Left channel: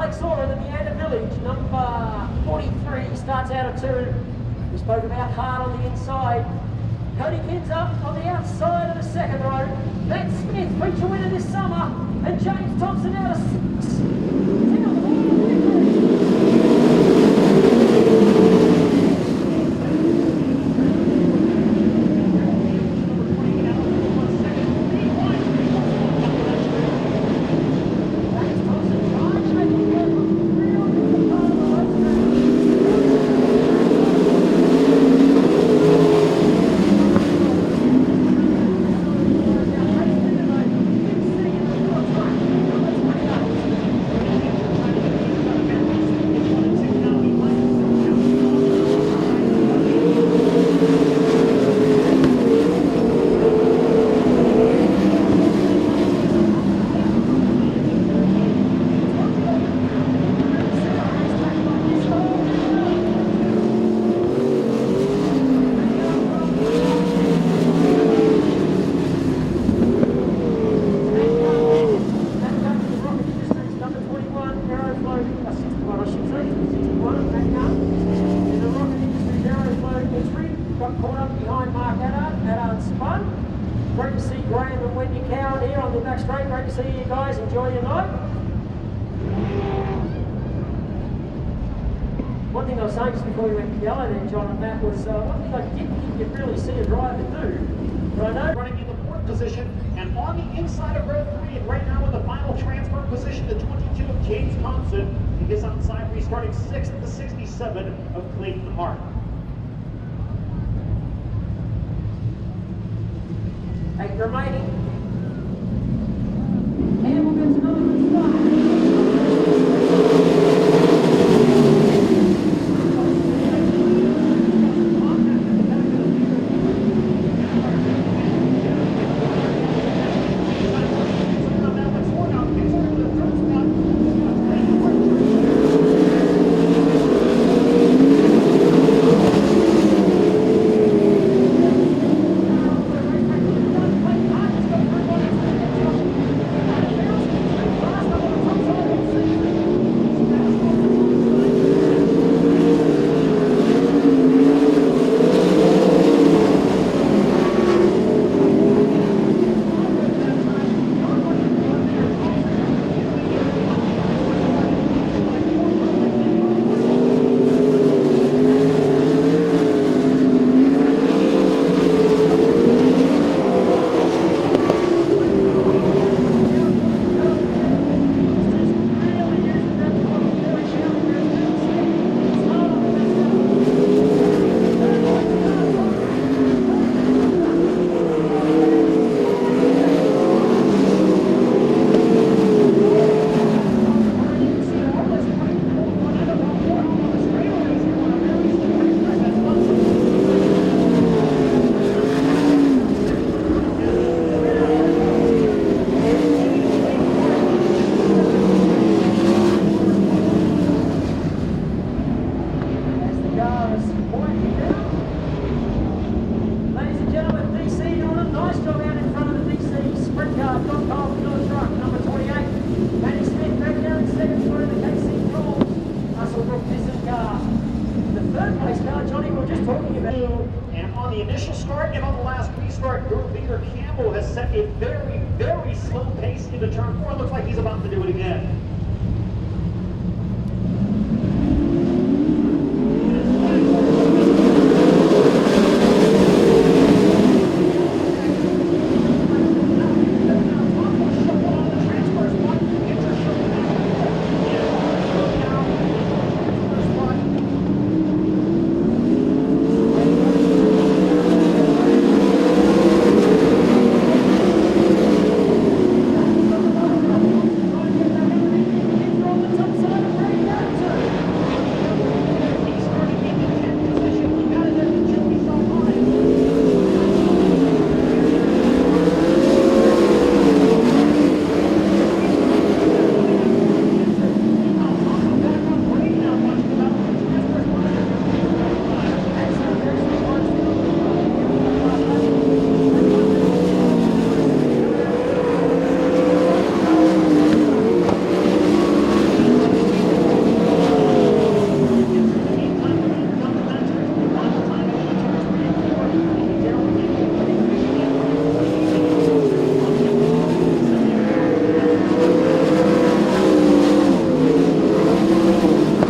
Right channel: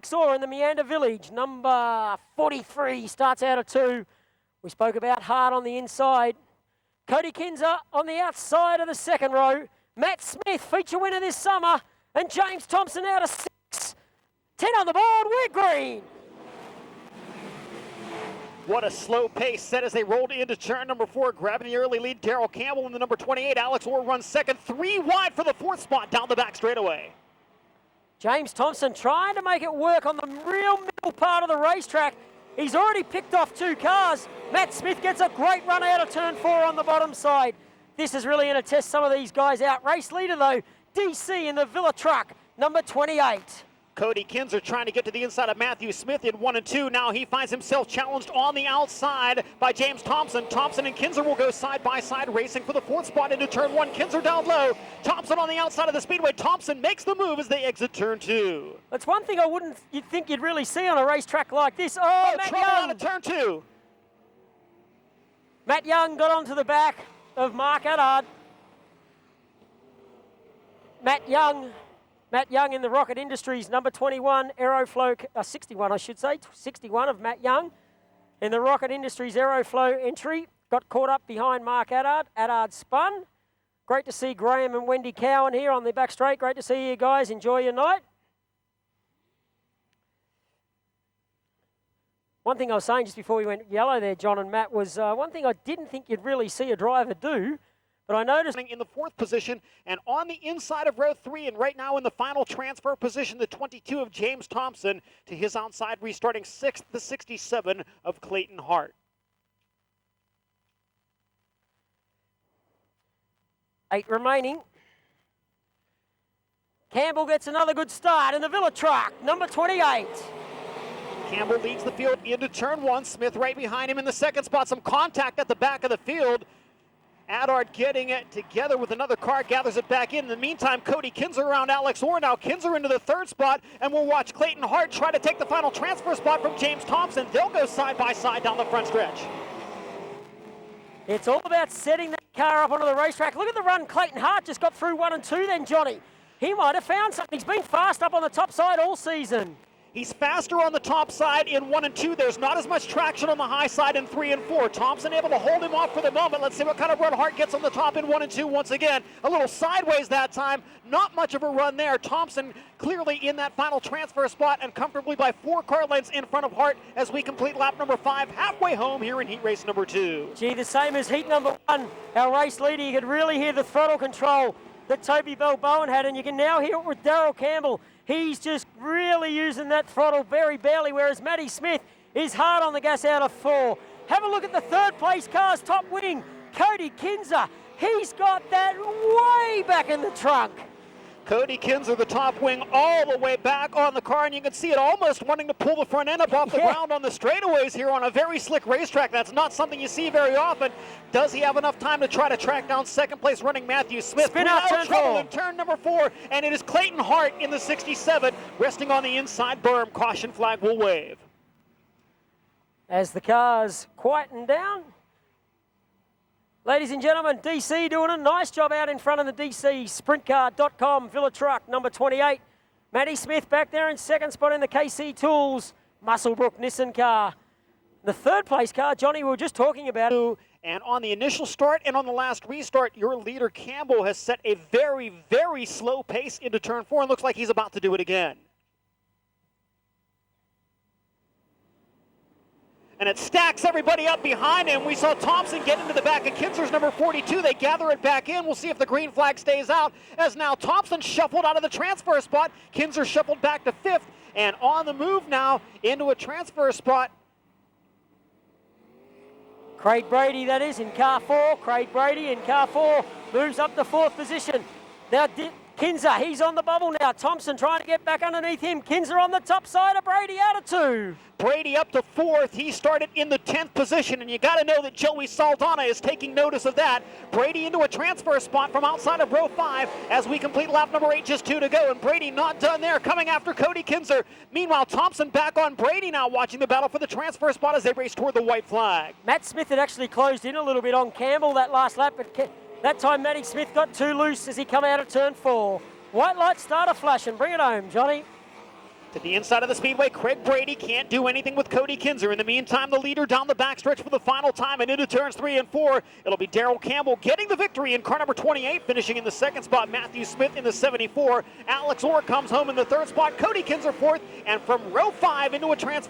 Alex Orr in the Meander Village, number 43, starts out of 2. We spoke about hard on the inside. Cody Kinzer on the outside of the second row. Matt Smith, feature winner this summer. And James Thompson out of 6. 10 on the board, Regree. What a slow pace set as they rolled into turn number 4. Grabbing the early lead, Daryl Campbell with the number 28. Alex Orr runs second. 3 wide for the 4th spot down the back straightaway. James Thompson trying to make it work on the real middle part of the racetrack. He's already picked off 2 cars. Matt Smith gets a great run out of turn 4 on the bottom side. This is really going to test some of these guys out. Race leader though, DC in the Villa truck, number 28. Cody Kinzer trying to get to the inside of Matthew Smith in 1 and 2. Now he finds himself challenged on the outside by James Thompson. Thompson and Kinzer will go side by side, racing for the 4th spot into turn 1. Kinzer down low. Thompson on the outside of the Speedway. Thompson makes the move as they exit turn 2. That's one thing I wouldn't think you'd really see on a racetrack like this. Oh, Matt Young. Turn 2. Matt Young got onto the back of Mark Addard. Matt Young in the Rocket Industries, number 21, Aeroflow, 61 I should say, 61 of Matt Young. In the Rocket Industries Aeroflow entry, got caught up behind Mark Addard. Addard spun. Great to see Graham and Wendy Cowan here on the back straight. Great to see you guys. Enjoy your night. One thing I was saying just before we went yellow there, John and Matt, was one thing I didn't think you'd really see a driver do, but I noticed in the 4th position and on the inside of row 3, and right now in the final transfer position, the 22 of James Thompson to his outside, restarting 6th, the 67 of Clayton Hart. 8 remaining. Campbell gets another good start in the Villa truck, number 28. Campbell being clear at the end of turn 1. Smith right behind him in the 2nd spot. Some contact at the back of the field. Addard getting it together with another car, gathers it back in. In the meantime, Cody Kinzer around Alex Orr. Now Kinzer into the 3rd spot, and we'll watch Clayton Hart try to take the final transfer spot from James Thompson. They'll go side by side down the front stretch. It's all about setting the car up onto the racetrack. Look at the run Clayton Hart just got through 1 and 2 there, Johnny. He might have found something. He's been fast up on the top side all season. He's faster on the top side in 1 and 2. There's not as much traction on the high side in 3 and 4. Thompson able to hold him off with a double. Let's see what kind of run Hart gets at the top in 1 and 2 once again. A little sideways that time. Not much of a run there. Thompson clearly in that final transfer spot and comfortably by 4 car lengths in front of Hart as we complete lap number 5 halfway home here in heat race number 2. Gee, the same as heat number 1. Our race leader, you can really hear the throttle control that Toby Melbourne had, and you can now hear it with Daryl Campbell. He's just really using that throttle very barely, whereas Matty Smith is hard on the gas out of 4. Have a look at the 3rd place cars, top winning, Cody Kinzer. He's got that way back in the truck. Cody Kinzer, the top wing, all the way back on the car, and you can see it almost wanting to pull the front end up off the ground on the straightaways here on a very slick racetrack. That's not something you see very often. Does he have enough time to try to track down 2nd place running Matthew Smith? Spin out turn number 4, and it is Clayton Hart in the 67, resting on the inside berm, caution 5 to away. As the cars quieten down. Ladies and gentlemen, DC doing a nice job out in front of the DC Sprintcar.com Villa truck, number 28. Matty Smith back there in 2nd spot in the KC Tools Musselbrook Nissan car. The 3rd place car, Johnny, we were just talking about. And on the initial start and on the last restart, your leader Campbell has set a very, very slow pace into turn 4. It looks like he's about to do it again. And it stacks everybody up behind him. We saw Thompson get to the back of Kinzer, number 42. They gather it back in. We'll see if the green flag stays out. As now Thompson shuffled out of the transfer spot. Kinzer shuffled back to 5th. And on the move now into a transfer spot. Craig Brady, that is, in car 4. Craig Brady in car 4. Moves up to 4th position. Now Kinzer, he's on the bubble now. Thompson trying to get back underneath him. Kinzer on the top side of Brady out of 2. Brady up to 4th. He started in the 10th position, and you got to know that Joey Saldana is taking notice of that. Brady into a transfer spot from outside of row 5 as we complete lap number 8, just 2 to go. Brady not done there, coming after Cody Kinzer. Meanwhile, Thompson back on Brady now, watching the battle for the transfer spot as they race toward the white flag. Matt Smith had actually closed in a little bit on Campbell that last lap. That time Matty Smith got too loose as he come out of turn 4. White light starter flash and bring it home, Johnny. The inside of the speed Daryl Campbell getting the victory in car number 28, finishing in the second spot. Matthew Smith in the 74. Alex Orr comes home in the third spot. Cody Kipper fourth. And from row 5 into a transfer